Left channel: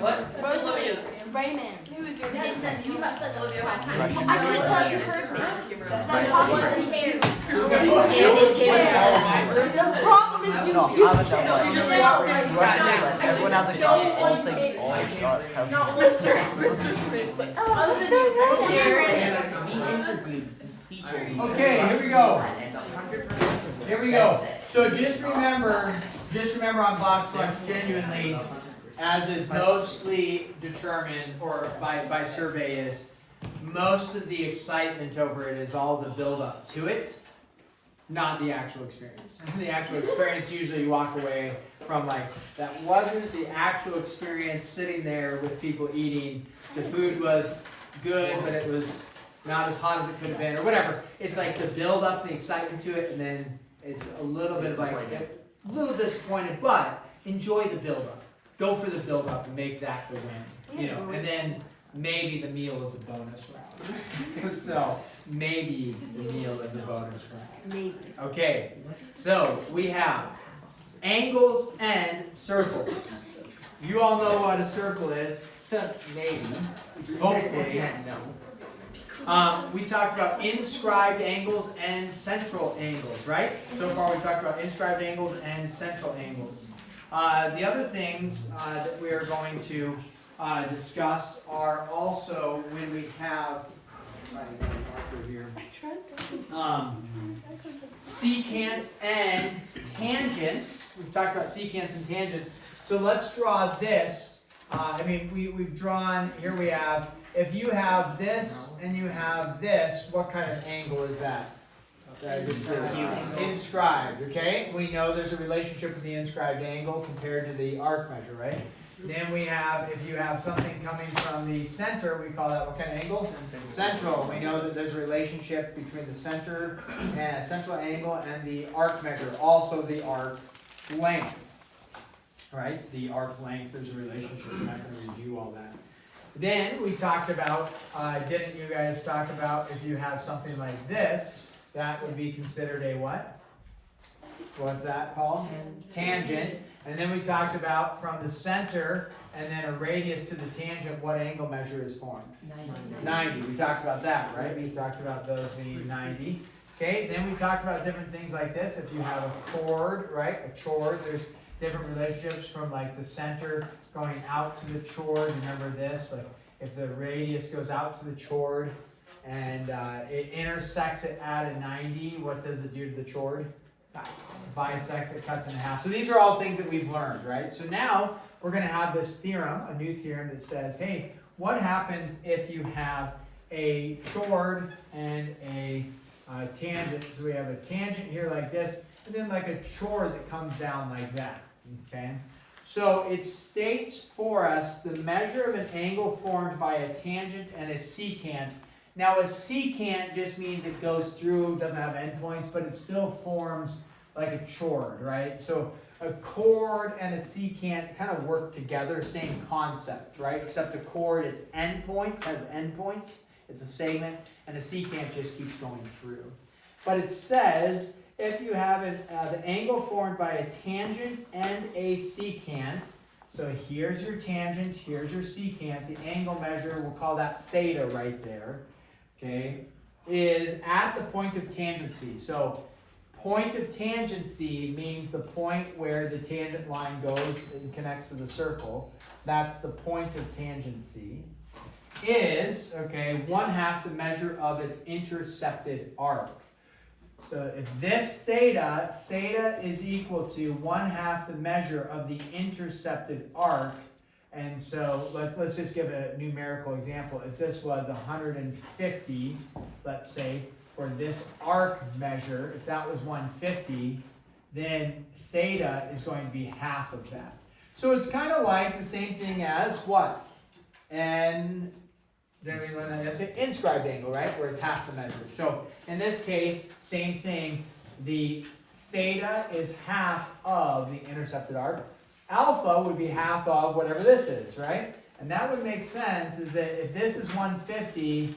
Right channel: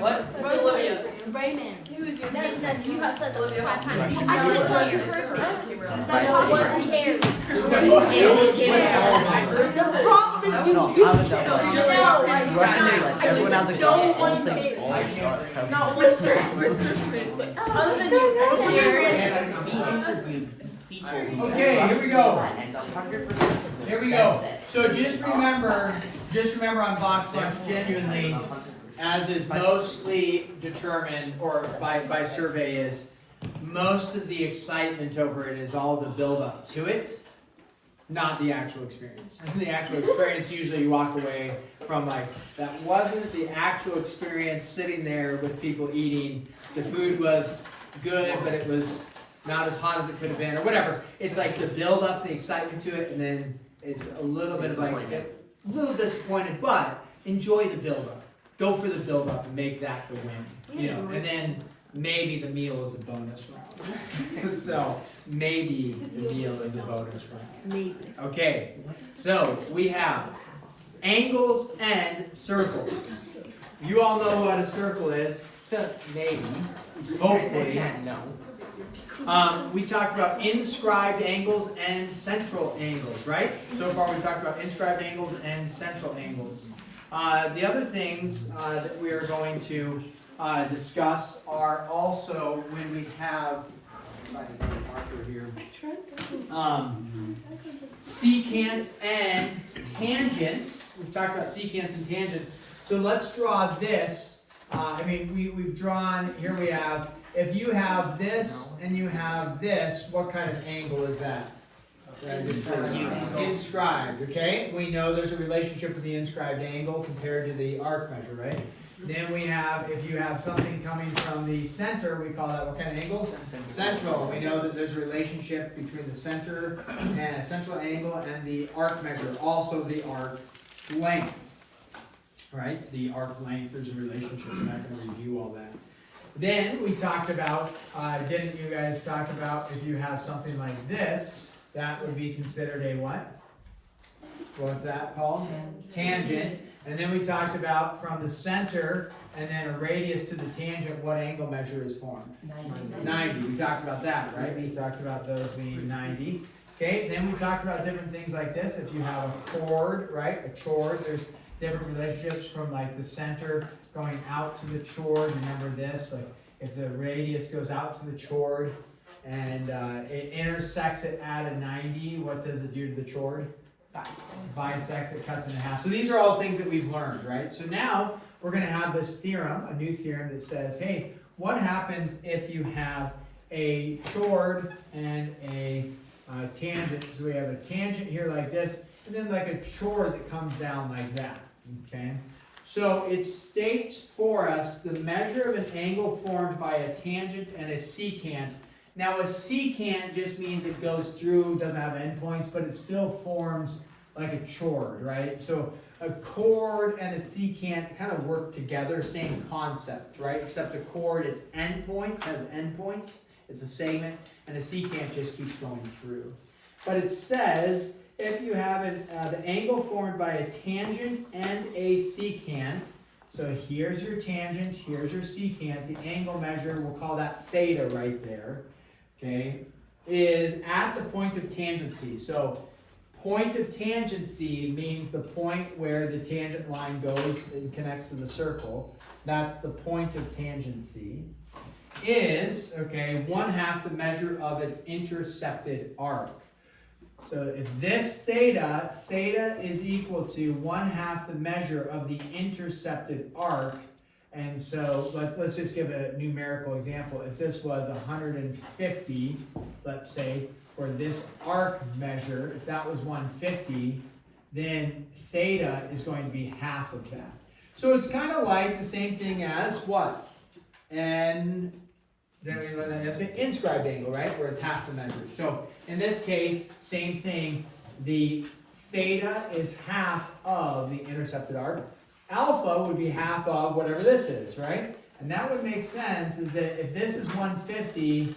What? Olivia. Raymond. Yes, you have said those 5 times. I can tell your first name. No one cares. The problem is you can't. She just No, walked in I and just no one cares. Not Mr. Smith. Other than you. Okay, here we go. Here we go. So just remember on box lunch, genuinely, as is mostly determined, or by survey is, most of the excitement over it is all the build up to it, not the actual experience. The actual experience, usually you walk away from like, that wasn't the actual experience sitting there with people eating. The food was good, but it was not as hot as it could have been, or whatever. It's like the build up, the excitement to it, and then it's a little bit of like, a little disappointed, but enjoy the build up. Go for the build up and make that the win, you know, and then maybe the meal is a bonus round. So maybe the meal is a bonus round. Maybe. Okay, so we have angles and circles. You all know what a circle is, maybe, hopefully. We talked about inscribed angles and central angles, right? So far we talked about inscribed angles and central angles. The other things that we are going to discuss are also when we have here, secants and tangents. We've talked about secants and tangents. So let's draw this. We've drawn, here we have, if you have this and you have this, what kind of angle is that? Inscribed, okay? We know there's a relationship with the inscribed angle compared to the arc measure, right? Then we have, if you have something coming from the center, we call that what kind of angle? Central. We know that there's a relationship between the center and central angle and the arc measure, also the arc length. Right? The arc length is a relationship. We're not going to review all that. Then we talked about, didn't you guys talk about if you have something like this, that would be considered a what? What's that called? Tangent. And then we talked about from the center and then a radius to the tangent, what angle measure is formed? 90. We talked about that, right? We talked about those being 90. Okay, then we talked about different things like this. If you have a chord, right? A chord, there's different relationships from like the center going out to the chord. Remember this, like if the radius goes out to the chord and it intersects it at a 90, what does it do to the chord? Bisects it, cuts in half. So these are all things that we've learned, right? So now we're going to have this theorem, a new theorem that says, hey, what happens if you have a chord and a tangent? So we have a tangent here like this, and then like a chord that comes down like that, okay? So it states for us the measure of an angle formed by a tangent and a secant. Now a secant just means it goes through, doesn't have endpoints, but it still forms like a chord, right? So a chord and a secant kind of work together, same concept, right? Except a chord, it's endpoints, has endpoints, it's a segment, and a secant just keeps going through. But it says if you have the angle formed by a tangent and a secant, so here's your tangent, here's your secant, the angle measure, we'll call that theta right there, okay, is at the point of tangency. So point of tangency means the point where the tangent line goes and connects to the circle. That's the point of tangency. Is, okay, 1/2 the measure of its intercepted arc. So if this theta is equal to 1/2 the measure of the intercepted arc, and so let's just give a numerical example. If this was 150, let's say, for this arc measure, if that was 150, then theta is going to be half of that. So it's kind of like the same thing as what? And then we learn that that's an inscribed angle, right? Where it's half the measure. So in this case, same thing. The theta is half of the intercepted arc. Alpha would be half of whatever this is, right? And that would make sense is that if this is 150,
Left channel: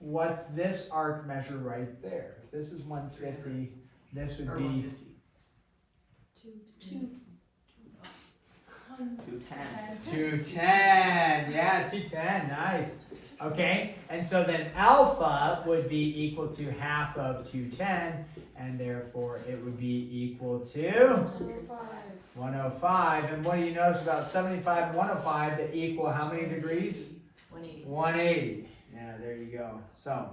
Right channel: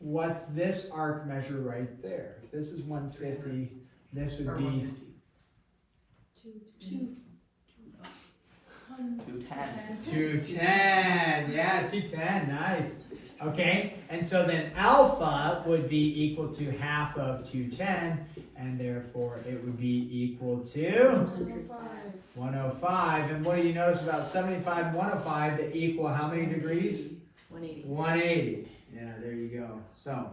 what's this arc measure right there? If this is 150, this would be 210. 210. Yeah, 210. Nice. Okay, and so then alpha would be equal to half of 210, and therefore it would be equal to 105. And what do you notice about 75 and 105 that equal how many degrees? 180. 180. Yeah, there you go. So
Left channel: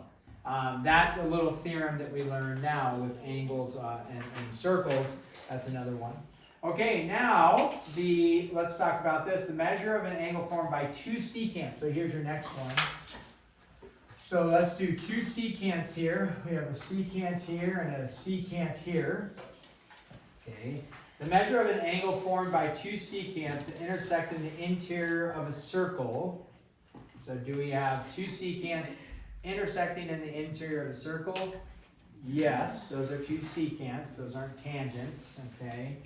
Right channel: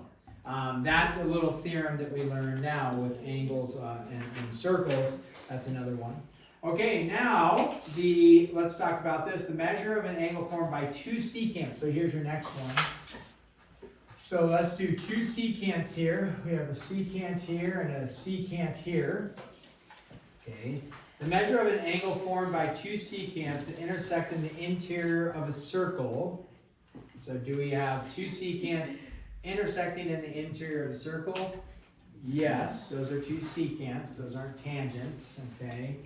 that's a little theorem that we learn now with angles and circles. That's another one. Okay, now let's talk about this. The measure of an angle formed by two secants. So here's your next one. So let's do two secants here. We have a secant here and a secant here. Okay. The measure of an angle formed by two secants that intersect in the interior of a circle. So do we have two secants intersecting in the interior of a circle? Yes, those are two secants. Those aren't tangents, okay?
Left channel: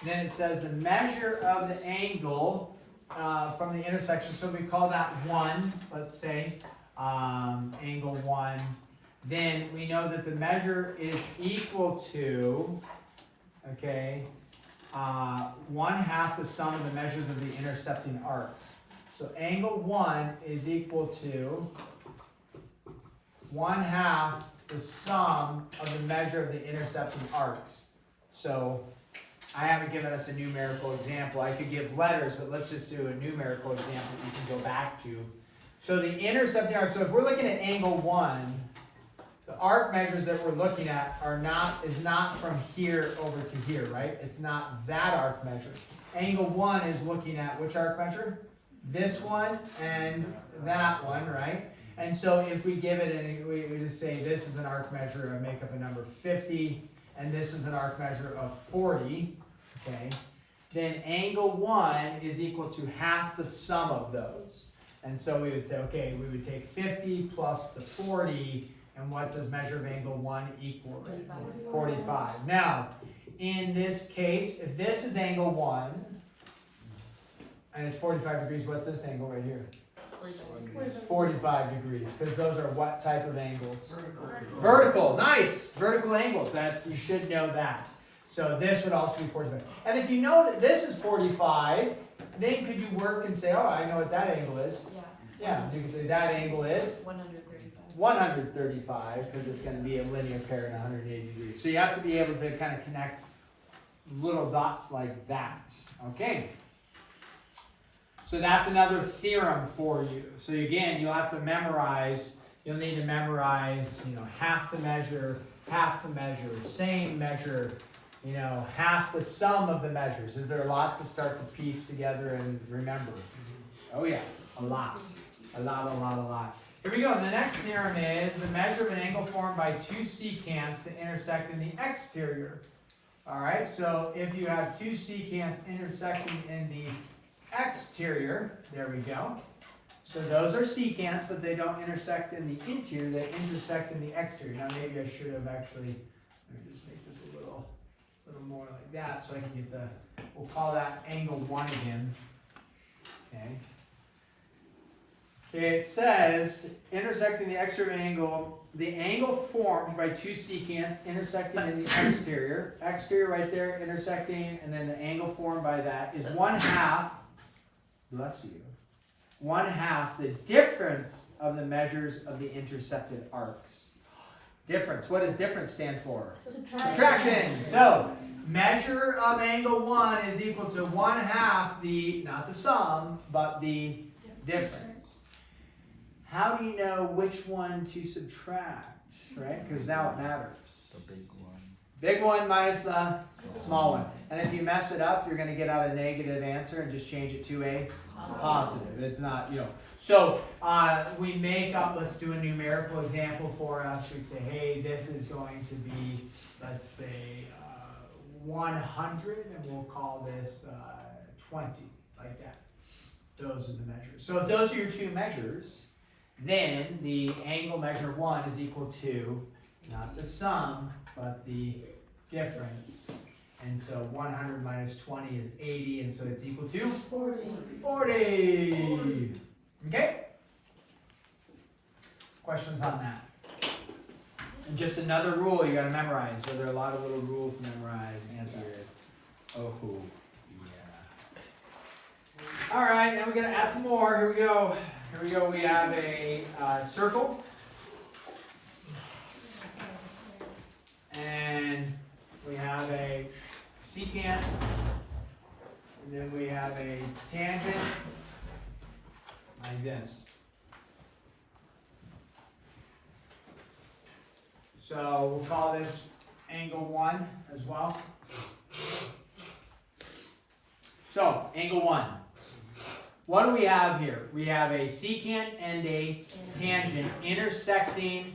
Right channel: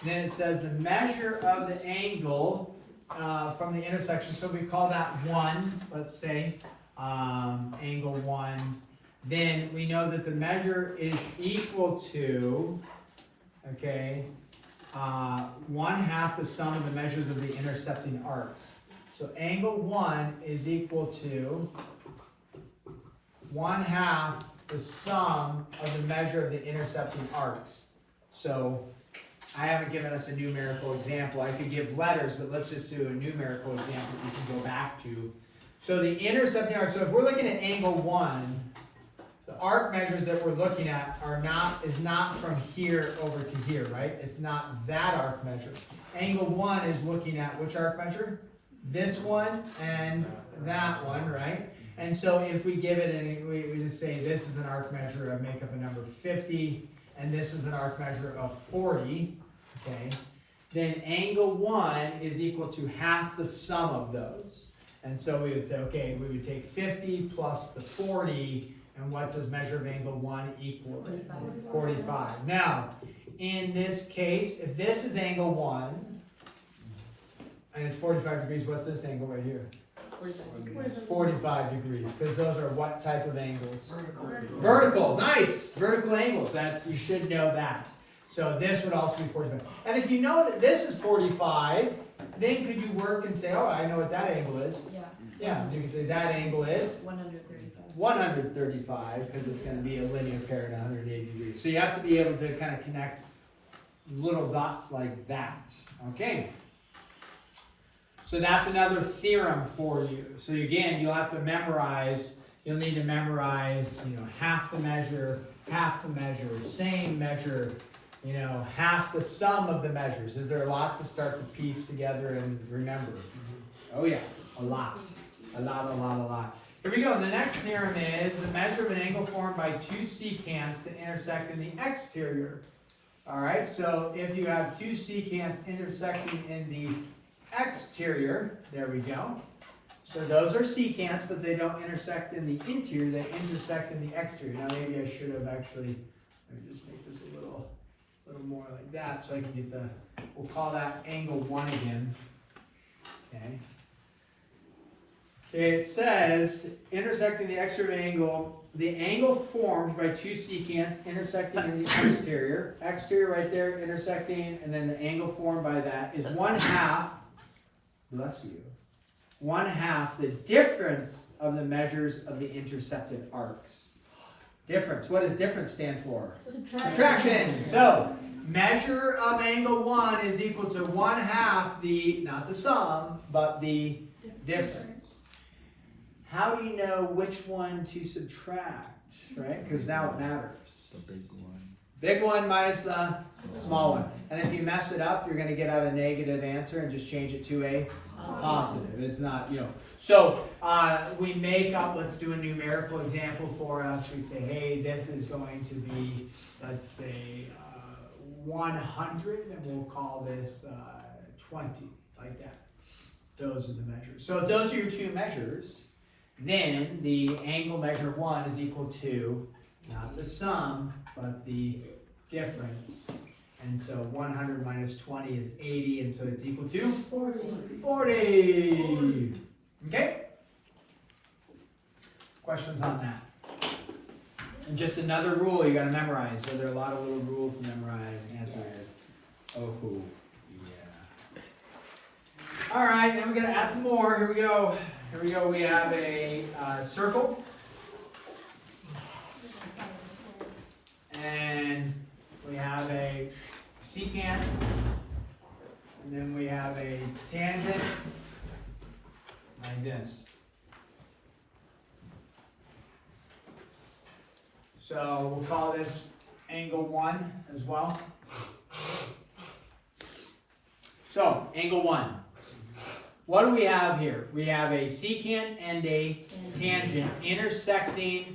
And then it says the measure of the angle from the intersection. So we call that 1, let's say, angle 1. Then we know that the measure is equal to, okay, 1/2 the sum of the measures of the intercepting arcs. So angle 1 is equal to 1/2 the sum of the measure of the intercepting arcs. So I haven't given us a numerical example. I could give letters, but let's just do a numerical example you can go back to. So the intercepting arc, so if we're looking at angle 1, the arc measures that we're looking at is not from here over to here, right? It's not that arc measure. Angle 1 is looking at which arc measure? This one and that one, right? And so if we give it, and we just say this is an arc measure, I make up a number 50, and this is an arc measure of 40, okay? Then angle 1 is equal to half the sum of those. And so we would say, okay, we would take 50 plus the 40, and what does measure of angle 1 equal? 45. Now, in this case, if this is angle 1, and it's 45 degrees, what's this angle right here? It's 45 degrees, because those are what type of angles? Vertical. Nice! Vertical angles. You should know that. So this would also be 45. And if you know that this is 45, then could you work and say, oh, I know what that angle is? Yeah, you could say that angle is 135, because it's going to be a linear pair at 180 degrees. So you have to be able to kind of connect little dots like that. Okay. So that's another theorem for you. So again, you'll have to memorize, you'll need to memorize, half the measure, same measure, half the sum of the measures. Is there a lot to start to piece together and remember? Oh yeah, a lot. A lot. Here we go. The next theorem is the measure of an angle formed by two secants that intersect in the exterior. All right, so if you have two secants intersecting in the exterior, there we go. So those are secants, but they don't intersect in the interior, they intersect in the exterior. Now maybe I should have actually, let me just make this a little more like that so I can get we'll call that angle 1 again. Okay. It says, intersecting the exterior angle, the angle formed by two secants intersecting in the exterior. Exterior right there, intersecting, and then the angle formed by that is 1/2, bless you, 1/2 the difference of the measures of the intersected arcs. Difference, what does difference stand for? Subtraction. So, measure of angle 1 is equal to 1/2 not the sum, but the difference. How do you know which one to subtract, right? Because now it matters. Big one minus the small one. And if you mess it up, you're going to get out a negative answer and just change it to a positive. It's not, So we make up, let's do a numerical example for us. We say, hey, this is going to be, let's say, 100, and we'll call this 20, like that. Those are the measures. So if those are your two measures, then the angle measure 1 is equal to, not the sum, but the difference. And so 100 minus 20 is 80, and so it's equal to 40. Okay? Questions on that? And just another rule you got to memorize. So there are a lot of little rules to memorize. The answer is, oh, yeah. All right, now we're gonna add some more. Here we go. Here we go. We have a circle. And we have a secant. And then we have a tangent. Like this. So we'll call this angle 1 as well. So, angle 1. What do we have here? We have a secant and a tangent intersecting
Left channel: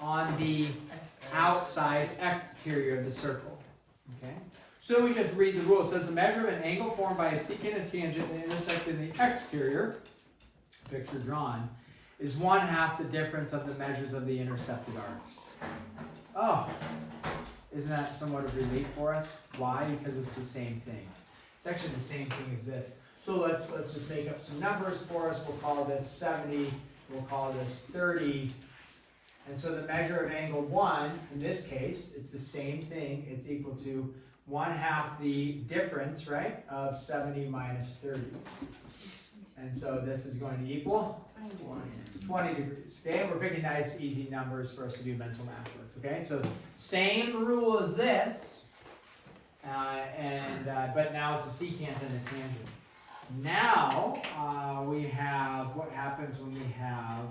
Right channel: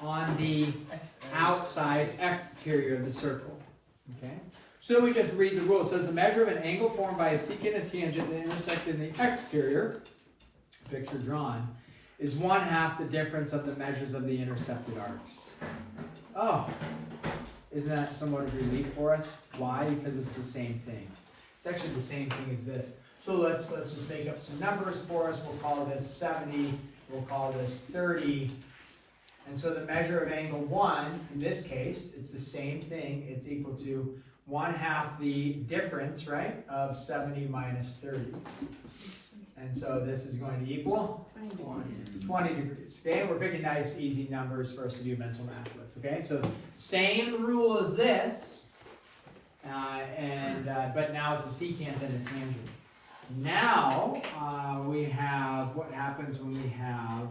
on the outside exterior of the circle. Okay? So we just read the rule. It says the measure of an angle formed by a secant and tangent that intersect in the exterior, picture drawn, is 1/2 the difference of the measures of the intercepted arcs. Oh, isn't that somewhat of relief for us? Why? Because it's the same thing. It's actually the same thing as this. So let's just make up some numbers for us. We'll call this 70. We'll call this 30. And so the measure of angle 1, in this case, it's the same thing. It's equal to 1/2 the difference, right, of 70 minus 30. And so this is going to equal 20 degrees. Okay, we're picking nice, easy numbers for us to do mental math with. Okay, so same rule as this, but now it's a secant and a tangent. Now we have what happens when we have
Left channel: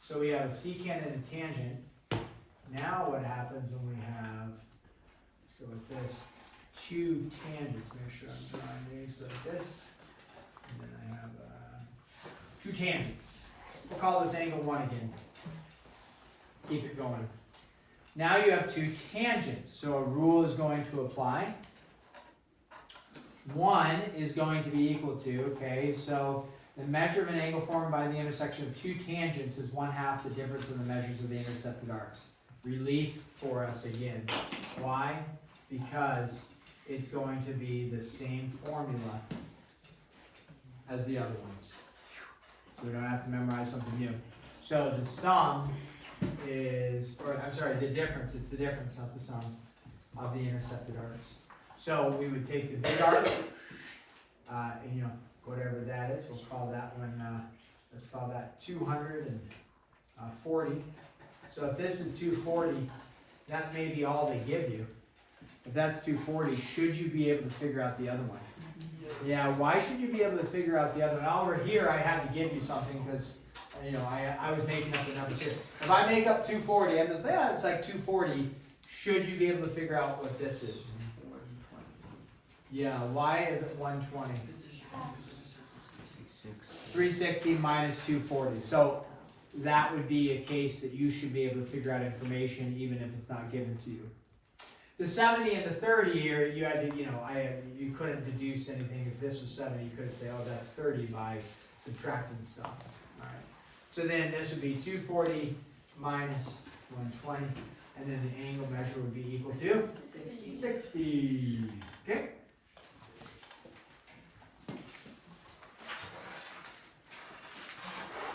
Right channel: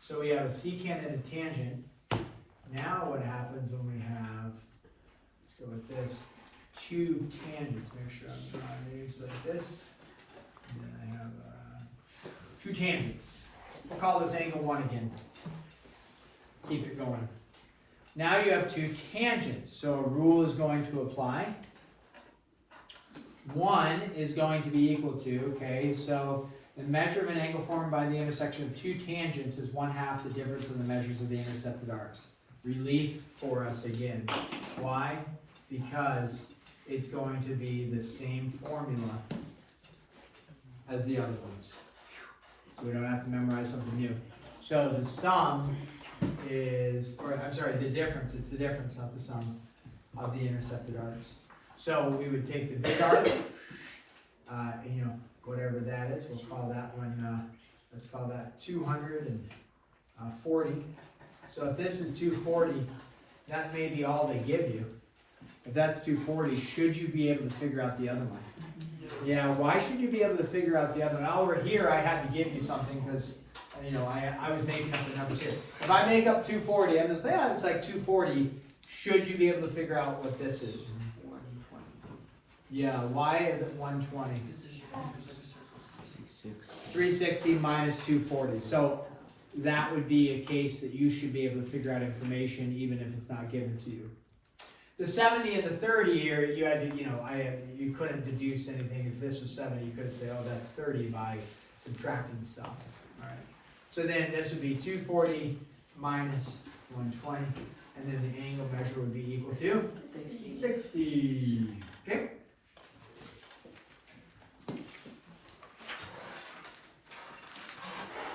so we have a secant and a tangent. Now what happens when we have, let's go with this, 2 tangents. Make sure I'm drawing these like this. And then I have 2 tangents. We'll call this angle 1 again. Keep it going. Now you have 2 tangents, so a rule is going to apply. 1 is going to be equal to, okay, so the measure of an angle formed by the intersection of 2 tangents is 1/2 the difference in the measures of the intercepted arcs. Relief for us again. Why? Because it's going to be the same formula as the other ones. So we don't have to memorize something new. So the sum is, or I'm sorry, the difference, it's the difference, not the sum, of the intercepted arcs. So we would take the big arc, and whatever that is, we'll call that one, let's call that 240. So if this is 240, that may be all they give you. If that's 240, should you be able to figure out the other one? Yeah, why should you be able to figure out the other one? Over here, I had to give you something because, I was making up the numbers here. If I make up 240, I'm going to say, it's like 240. Should you be able to figure out what this is? Yeah, why is it 120? 360 minus 240. So that would be a case that you should be able to figure out information even if it's not given to you. The 70 and the 30 here, you had to, you couldn't deduce anything. If this was 70, you couldn't say, oh, that's 30 by subtracting stuff. All right. So then this would be 240 minus 120, and then the angle measure would be equal to 60. Okay.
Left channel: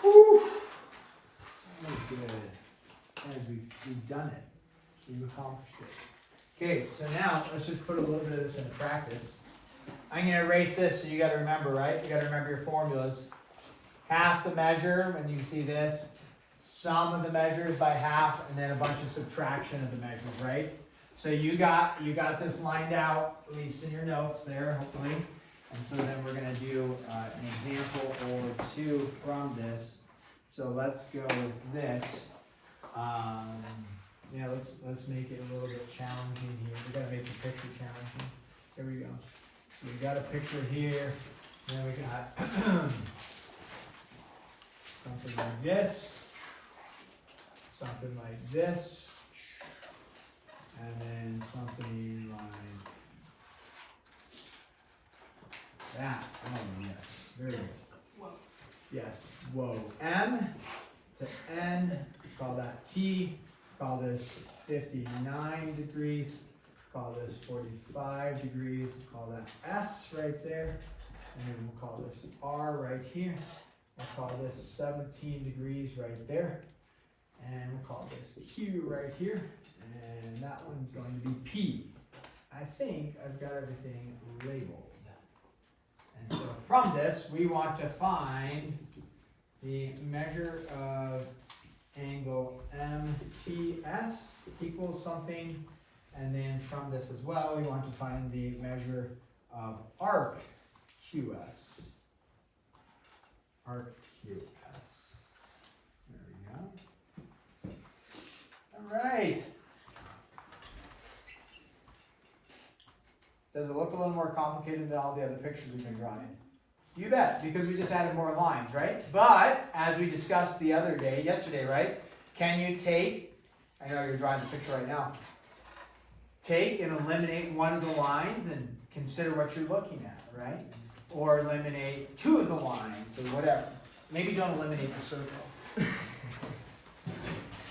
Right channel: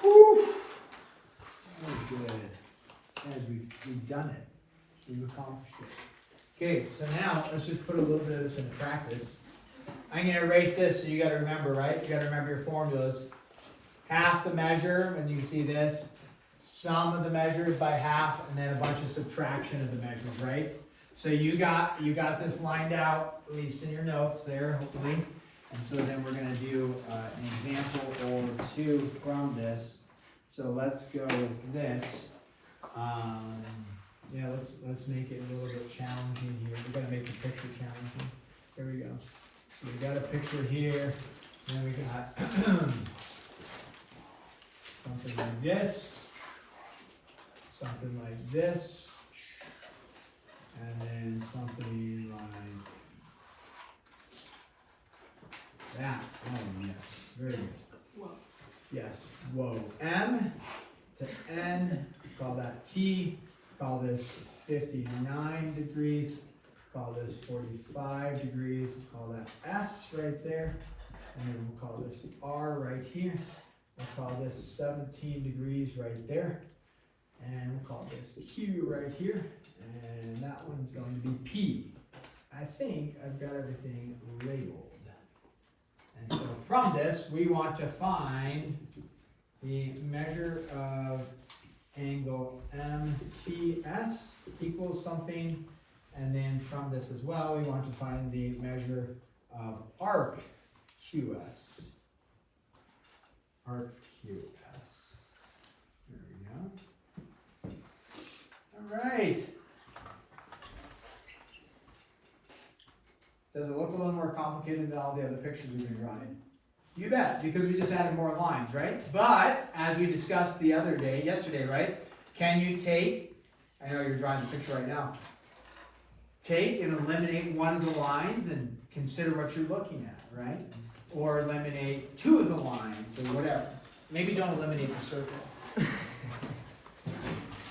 Whew. That was good. Guys, we've done it. We've accomplished it. Okay, so now let's just put a little bit of this into practice. I'm going to erase this, so you got to remember, right? You got to remember your formulas. Half the measure when you see this, sum of the measures by half, and then a bunch of subtraction of the measures, right? So you got this lined out, at least in your notes there, hopefully. And so then we're going to do an example or 2 from this. So let's go with this. Yeah, let's make it a little bit challenging here. We gotta make the picture challenging. There we go. So we got a picture here. Then we got something like this, something like this, and then something like that. Oh yes, very good. Yes, whoa. M to N. Call that T. Call this 59 degrees, call this 45 degrees, we'll call that S right there, and then we'll call this R right here, we'll call this 17 degrees right there, and we'll call this Q right here, and that one's going to be P. I think I've got everything labeled. And so from this, we want to find the measure of angle MTS equals something, and then from this as well, we want to find the measure of arc QS. Arc QS. There we go. All right. Does it look a little more complicated than all the other pictures we've been drawing? You bet, because we just added more lines, right? But, as we discussed the other day, yesterday, right? Can you take, I know you're drawing the picture right now, take and eliminate one of the lines and consider what you're looking at, right? Or eliminate two of the lines, or whatever. Maybe don't eliminate the circle.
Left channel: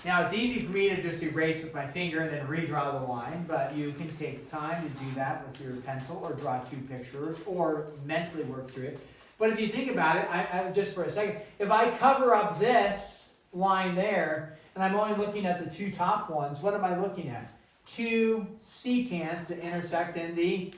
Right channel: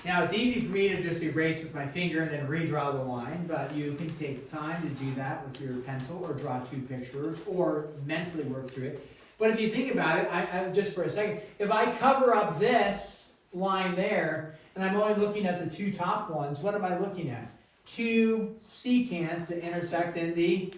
Now, it's easy for me to just erase with my finger and then redraw the line, but you can take time to do that with your pencil, or draw two pictures, or mentally work through it. But if you think about it, I just for a second, if I cover up this line there, and I'm only looking at the two top ones, what am I looking at? Two secants that intersect in the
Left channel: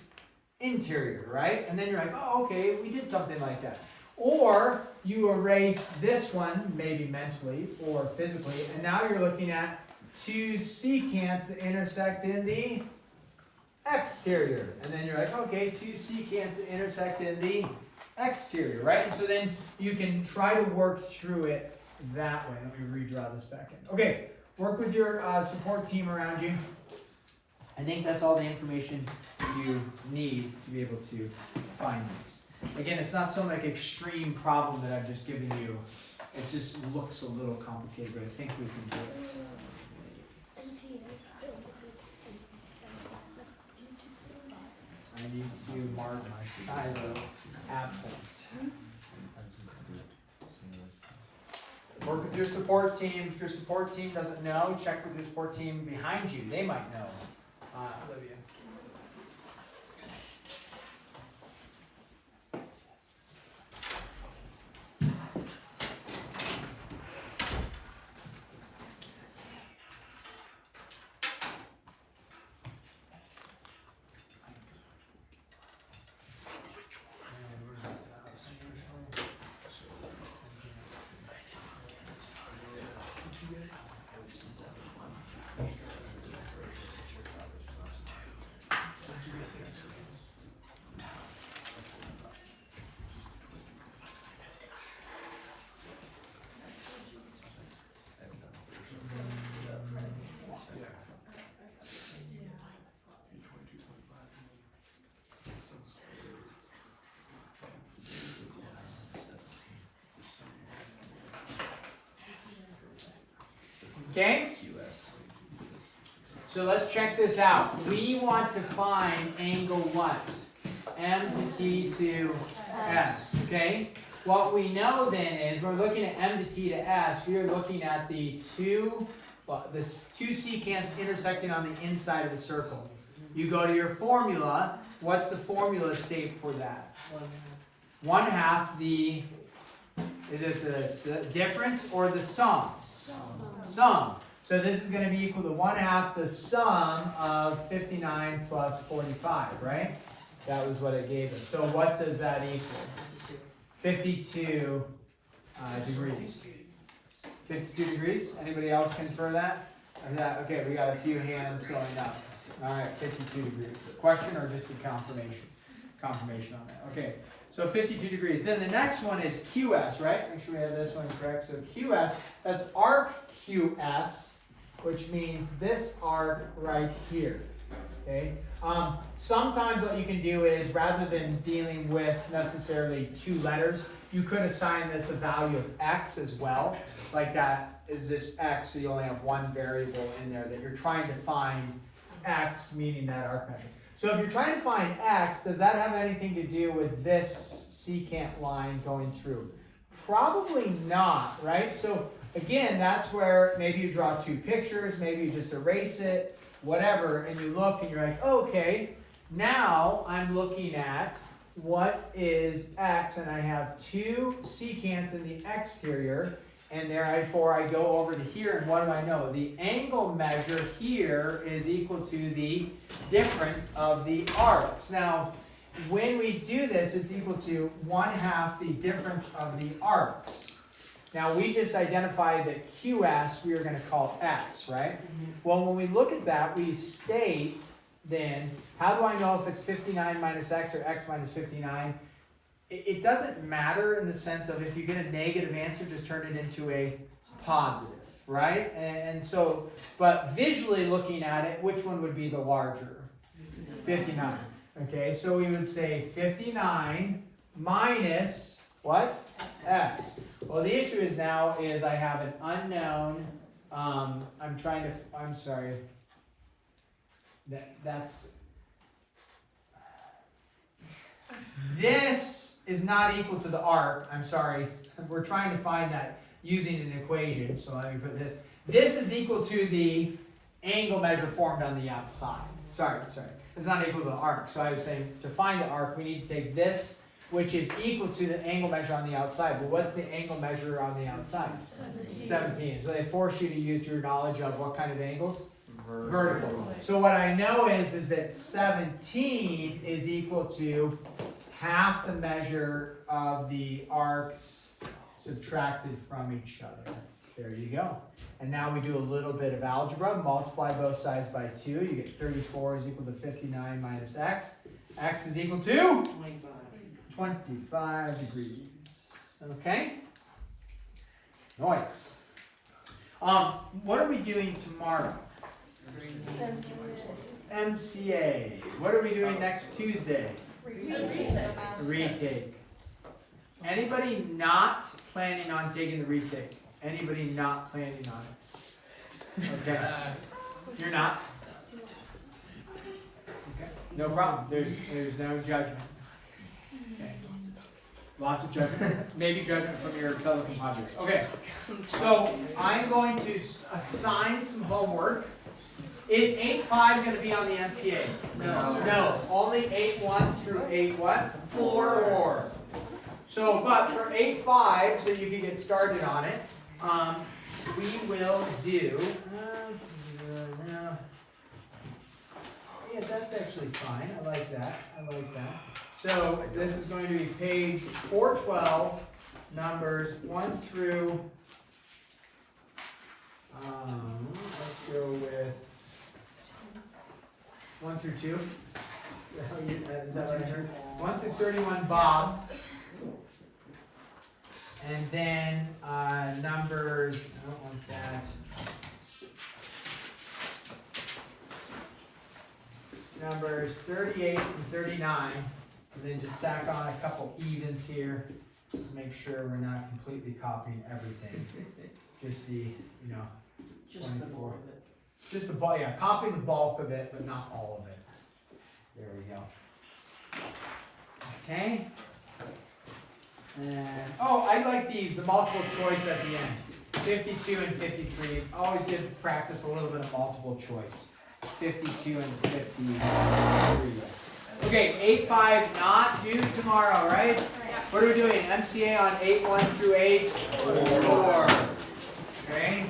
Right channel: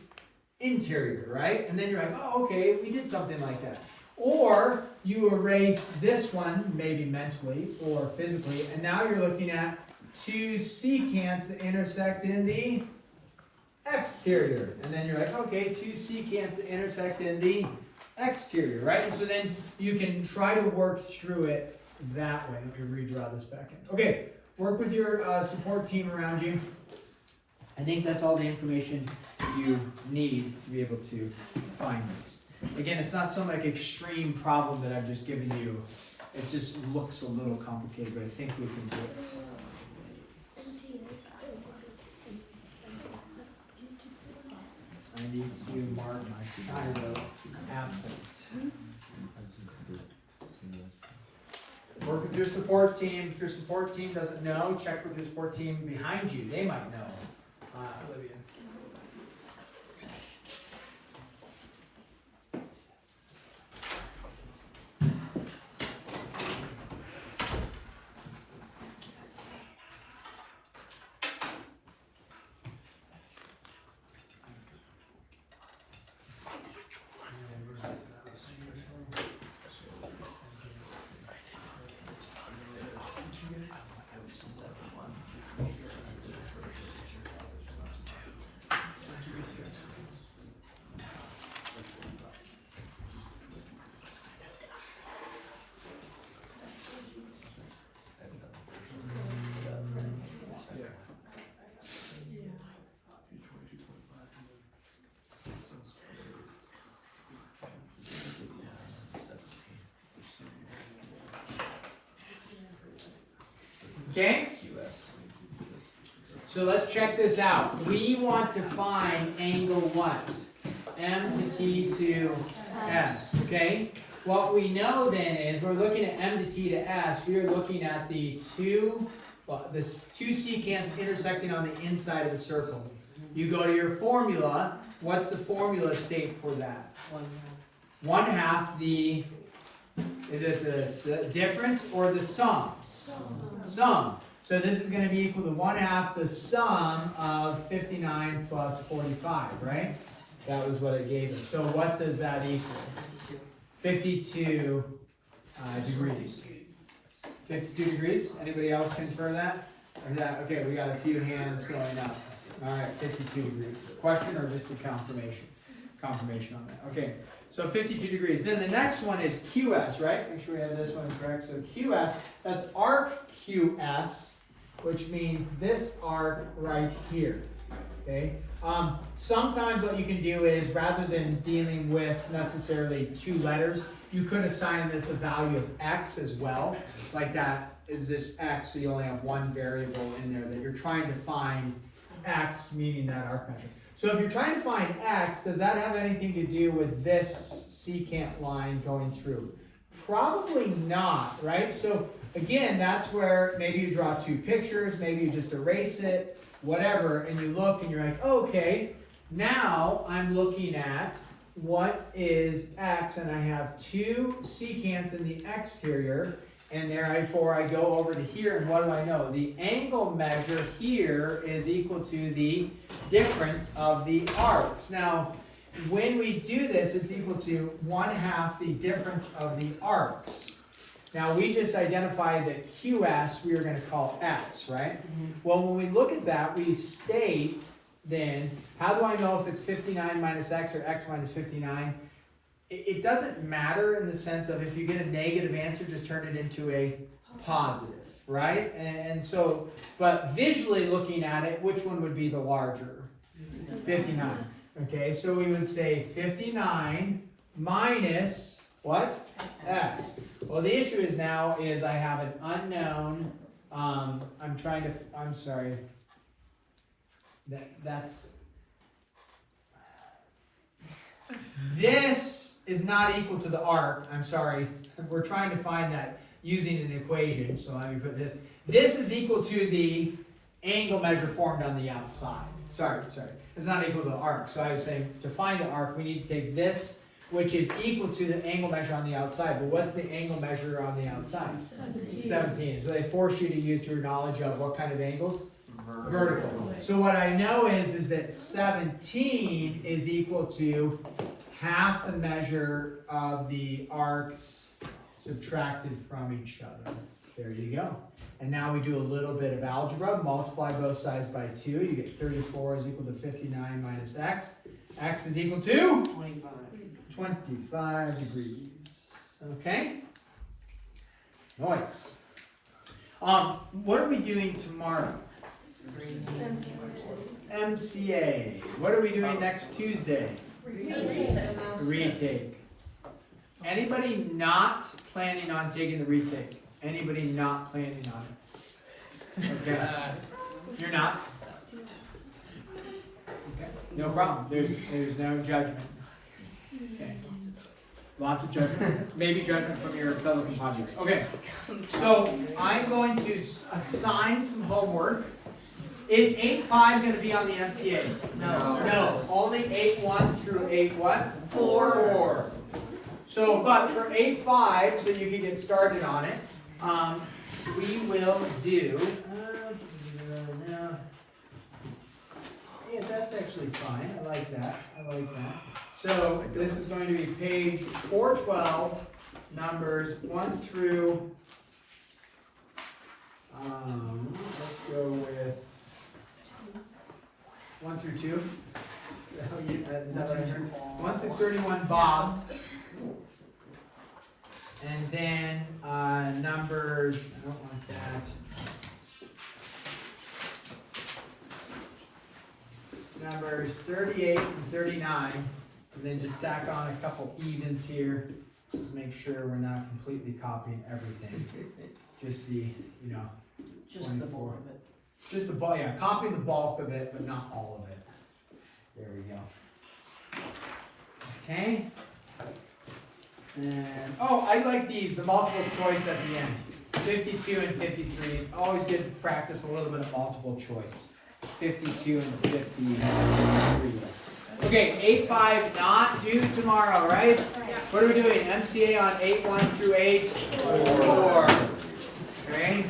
interior, right? And then you're like, oh, okay, we did something like that. Or you erase this one, maybe mentally or physically, and now you're looking at two secants that intersect in the exterior. And then you're like, okay, two secants that intersect in the exterior, right? And so then you can try to work through it that way. Let me redraw this back in. Okay, work with your support team around you. I think that's all the information you need to be able to find this. Again, it's not some like extreme problem that I've just given you. It just looks a little complicated, but I think we can do it. I need to mark my child absent. Work with your support team. If your support team doesn't know, check with your support team behind you. They might know. Olivia. Okay? So let's check this out. We want to find angle what? M to T to S. Okay? What we know then is we're looking at M to T to S. We are looking at the two secants intersecting on the inside of the circle. You go to your formula. What's the formula state for that? 1/2 the, is it the difference or the sum? Sum. So this is going to be equal to 1/2 the sum of 59 plus 45, right? That was what it gave us. So what does that equal? 52 degrees. 52 degrees? Anybody else confirm that? Yeah, okay, we got a few hands going up. All right, 52 degrees. Question or just a confirmation? Confirmation on that. Okay, so 52 degrees. Then the next one is QS, right? Make sure we have this one correct. So QS, that's arc QS, which means this arc right here. Okay. Sometimes what you can do is, rather than dealing with necessarily two letters, you could assign this a value of x as well. Like that is this x, so you only have one variable in there that you're trying to find x, meaning that arc measure. So if you're trying to find x, does that have anything to do with this secant line going through? Probably not, right? So again, that's where maybe you draw two pictures, maybe you just erase it, whatever, and you look and you're like, okay, now I'm looking at what is x, and I have two secants in the exterior, And therefore I go over to here, and what do I know? The angle measure here is equal to the difference of the arcs. Now, when we do this, it's equal to 1/2 the difference of the arcs. Now, we just identified that QS we are going to call S, right? Well, when we look at that, we state then, how do I know if it's 59 minus X or X minus 59? It doesn't matter in the sense of if you get a negative answer, just turn it into a positive, right? And so, but visually looking at it, which one would be the larger? 59. Okay, so we would say 59 minus what? X. Well, the issue is now is I have an unknown. I'm sorry. That's. This is not equal to the arc. I'm sorry. We're trying to find that using an equation. So let me put this. This is equal to the angle measure formed on the outside. Sorry. It's not equal to the arc. So I was saying to find the arc, we need to take this, which is equal to the angle measure on the outside. But what's the angle measure on the outside? 17. So they force you to use your knowledge of what kind of angles? Vertical. So what I know is that 17 is equal to 1/2 the measure of the arcs subtracted from each other. There you go. And now we do a little bit of algebra. Multiply both sides by 2. You get 34 is equal to 59 minus X. X is equal to 25 degrees. Okay? Nice. What are we doing tomorrow? MCA. What are we doing next Tuesday? Retake. Anybody not planning on taking the retake? Anybody not planning on it? Okay. You're not? Okay. No problem. There's no judgment. Okay. Lots of judgment. Maybe judgment from your fellow compadres. Okay. So I'm going to assign some homework. Is 8.5 going to be on the MCA? No. Only 8.1 through 8 what? 4. So, but for 8.5, so you can get started on it, we will do. Yeah, that's actually fine. I like that. So this is going to be page 412, numbers 1 through. Let's go with 1 through 2. Is that right? 1 through 31, Bob. And then numbers, I don't want that. Numbers 38 and 39. And then just tack on a couple evens here. Just make sure we're not completely copying everything. Just the, 24. Just the bulk, yeah, copy the bulk of it, but not all of it. There we go. Okay. And, I like these, the multiple choice at the end. 52 and 53. Always good to practice a little bit of multiple choice. 52 and 53. Okay, 8.5 not due tomorrow, right? What are we doing? MCA on 8.1 through 8.4. Okay.